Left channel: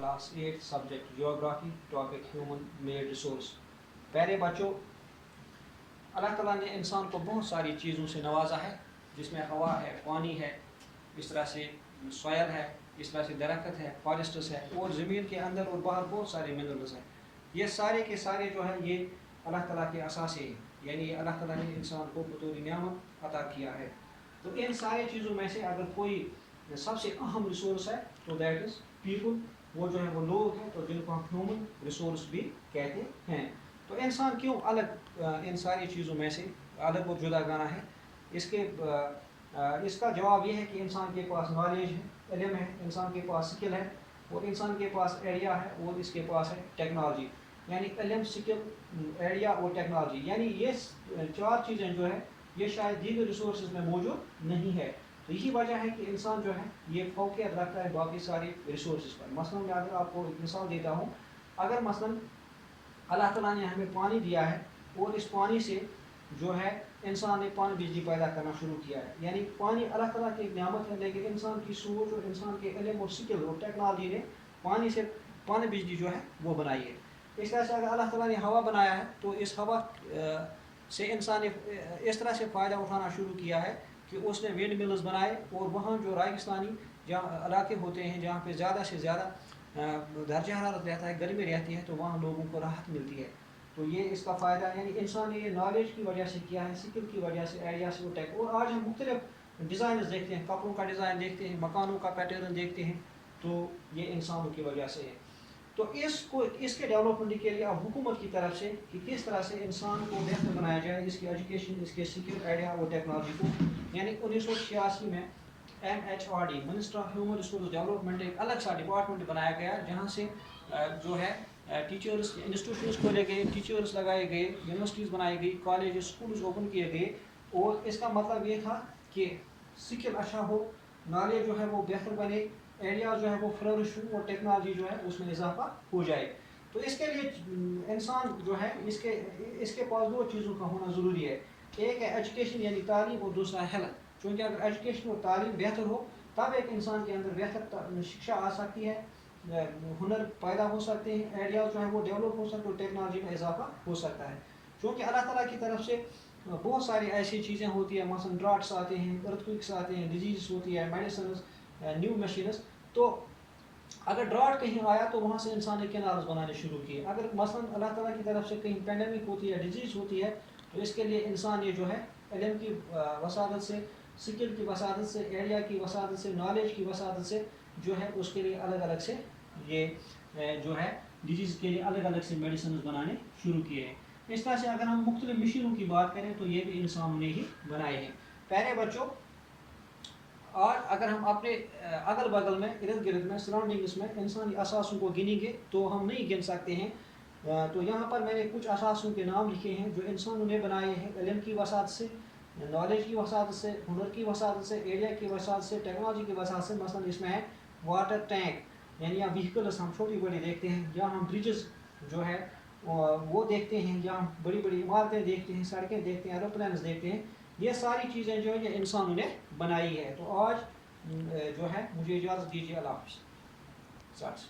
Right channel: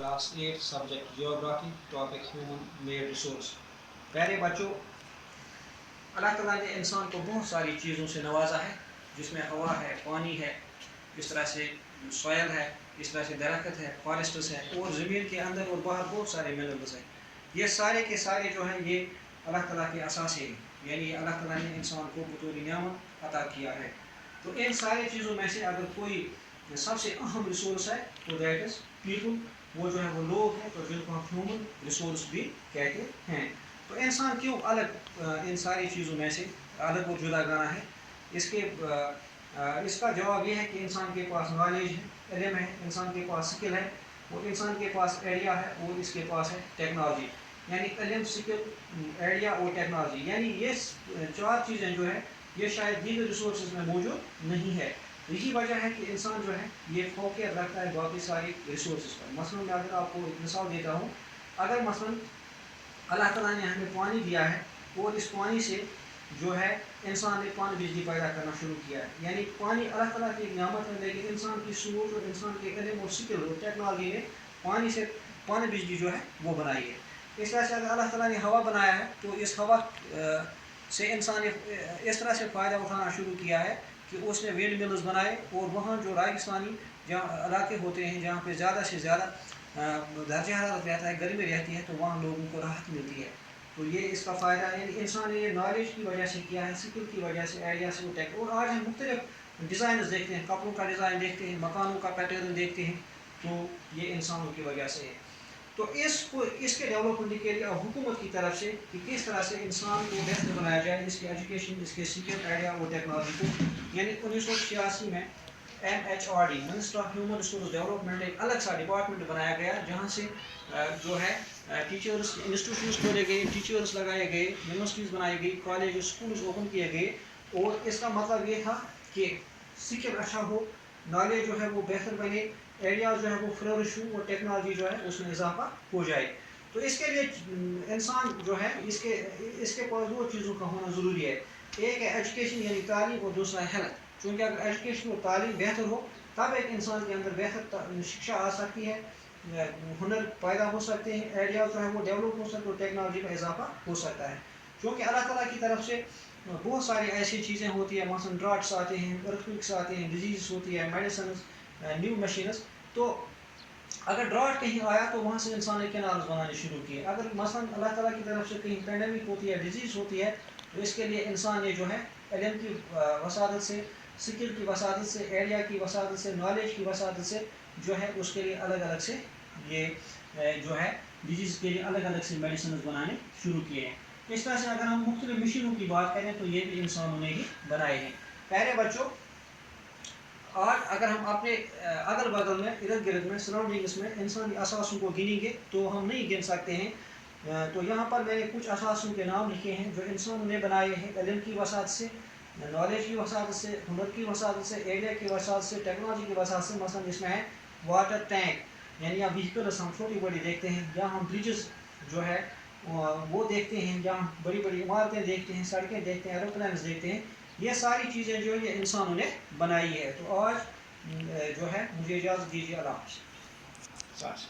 Class 8 subject geography topic human made resource. प्यारे बच्चों, अल्लाह ताला ने इंसान को बहुत सारी चीज़ों से नवाजा है, जिसमें हवा है, पानी है, इस तरह से सॉयल है, इस तरह से दरख्त है, फॉरेस्ट्स है, और ज़मीन के अंदर और बाहर बहुत सारे मिनरल्स हैं। ये सारे के सारे जो हैं ये अल्लाह ताला के असासे हैं, यानी अल्लाह ताला ने इंसान को बतौर नियामत अता किया है। तो इन सारी चीज़ों में से अगर कोई सबसे अहम रिसोर्स है तो दैट इज़ पीपल, वो जो है वो लोग हैं, तो जिनको हम ह्यूमन रिसोर्स भी कहते हैं। तो इंसान क्यों अलग इन सारी चीज़ों में से अलग और जुदा गाना है? इसका जवाब ये है कि इंसान के पास नॉलेज है, इल्म है, इंसान के पास स्किल है, और इंसान के पास आइडिया है, और इसके पास है टेक्नोलॉजी। यानी इल्म, स्किल, आइडिया और टेक्नोलॉजी, यानी ये चार चीज़ें जो है ये शायद दीगर रिसोर्स में मौजूद नहीं है। यही वजह है कि इंसान जो है ये फौकियत रखता है बाकी सारे रिसोर्स पर। मसलन मैं अगर आपको एक मिसाल देता हूँ, अगर मसलन अल्लाह ताला ने हमें पानी दिया है और इस पानी से जो है इंसान ने पानी बिजली पैदा करना शुरू किया है, यानी पानी अल्लाह ताला की एक नियामत है, लेकिन इंसान की सोच और इंसान के इल्म और स्किल और टेक्नोलॉजी ने पानी से पानी बिजली जो है वो बनाई है। इस तरह से अगर अल्लाह ताला ने हवा बनाया है तो इस हवा से इंसान ने इस तरह से फ़ायदा उठाना शुरू किया है कि उसने विंड मिल्स बनाए, और वहाँ जो रेगिस्तानी जहाँ इलाके होते हैं जहाँ पे ज़्यादा से ज़्यादा दर्जा हरारत रहता है, गर्मी रहती है, तो वहाँ लोगों को राहत मिलती है। तो ये इसका फ़ायदा है, इंसान ने ये नॉलेज की वजह से किया है, स्किल की वजह से, आइडिया से, टेक। और आज हम मुख्तलिफ डिज़ाइन देखते हैं, कपड़ों का डिज़ाइन देखते हैं, मकानों का पैटर्न देखते हैं, तो ये इंसानों की वजह से है। तो इसके डेवलपमेंट के लिए अब हुकूमत की तरफ से कि किस तरह से इंसान को बेहतर बनाया जाए, इसकी एजुकेशन, इसके स्किल, आइडिया और टेक्नोलॉजी को, यानी 1986 में MHRD minister of human resource development एक अलग सा डिपार्टमेंट बनाया गया, जहाँ से जो है टीचर्स इंस्टीट्यूट्स खोले गए, टीचर्स लगाए गए, यूनिवर्सिटीज़ बनाई गई, कॉलेज स्कूल्स ओपन किए गए, और इसका मतलब ये था कि स्किल अच्छा हो, नॉलेज जो है वो बेहतर बने, एरिया जो है वो फ्लोरिश हो, और टेक्नोलॉजी जो है उसमें इजाफा हो जाए। तो इसके लिए इंसान जो है इसके पास दो चीज़ों का होना ज़रूरी है। एक है एजुकेशन यानी तालीम, और दूसरा हेल्थ। क्योंकि अगर एजुकेशन और तालीम बेहतर हो तब एक इंसान के अंदर बेहतर शिक्षा आ सकती है, हुनर पैदा हो सकते हैं, आइडिया जो है वो डेवलप हो सकते हैं, टेक्नोलॉजी में इजाफा हो सकता है। क्योंकि अल्लाह ताला की तरफ से बहुत सारी ऐसी चीज़ें होती हैं, मसलन ड्राट्स आते हैं, अर्थक्वेक्स आते हैं, डिजीज़ होती है, मेडिसिन, न्यू मशीन्स। तो अगर ड्राट कहीं आया तो वहाँ से इंसान ने कैनाल्स बनाने शुरू किए। अगर मसलन अल्लाह ताला की तरफ से कहीं पैंडेमिक होती है, डिजीज़ होती है, तो इसके लिए इंसान ने जो है इल्म की वसादत से, स्किल की वसादत से, आइडिया की वसादत से, नॉलेज की वसादत से जो है उसके लिए अलग अलग से ये जो है डिजीज़ के लिए अलग अलग से मेडिसिन बनाने शुरू किए हैं। इस तरह से अगर हम मुख्तलिफ मशीनों की बात करें तो ये भी इंसानों ने ही बनाए हैं। प्यारे बच्चों, आज अगर हम अपने अगल बगल में, इर्द गिर्द में, सराउंडिंग्स में इंसानी असासों को गिनेंगे तो हम नहीं गिन सकते हैं। तो यहाँ पर मैंने कुछ असासों के नाम लिखे हैं जो इंसानों ने बनाए हैं, इल्म की वसात से, नॉलेज की वसात से, हुनर की वसात से, एरिया की वसात से, टेक्नोलॉजी की वसात से। मसलन इसमें है वाटर टैंक, यानी अब व्हीकल्स हम छोटी बड़ी देखते हैं, जहाँ हम ब्रिजेस जो है वो देखते हैं, जहाँ बड़ी बड़ी इमारतें देखते हैं, सड़कें देखते हैं, एरोप्लेन्स देखते हैं। ये सारी चीज़ें जो है ये इंसानों ने बनाई है। तो आज जो है मुझे इजाज़त दीजिए, अल्लाह हाफ़िज़।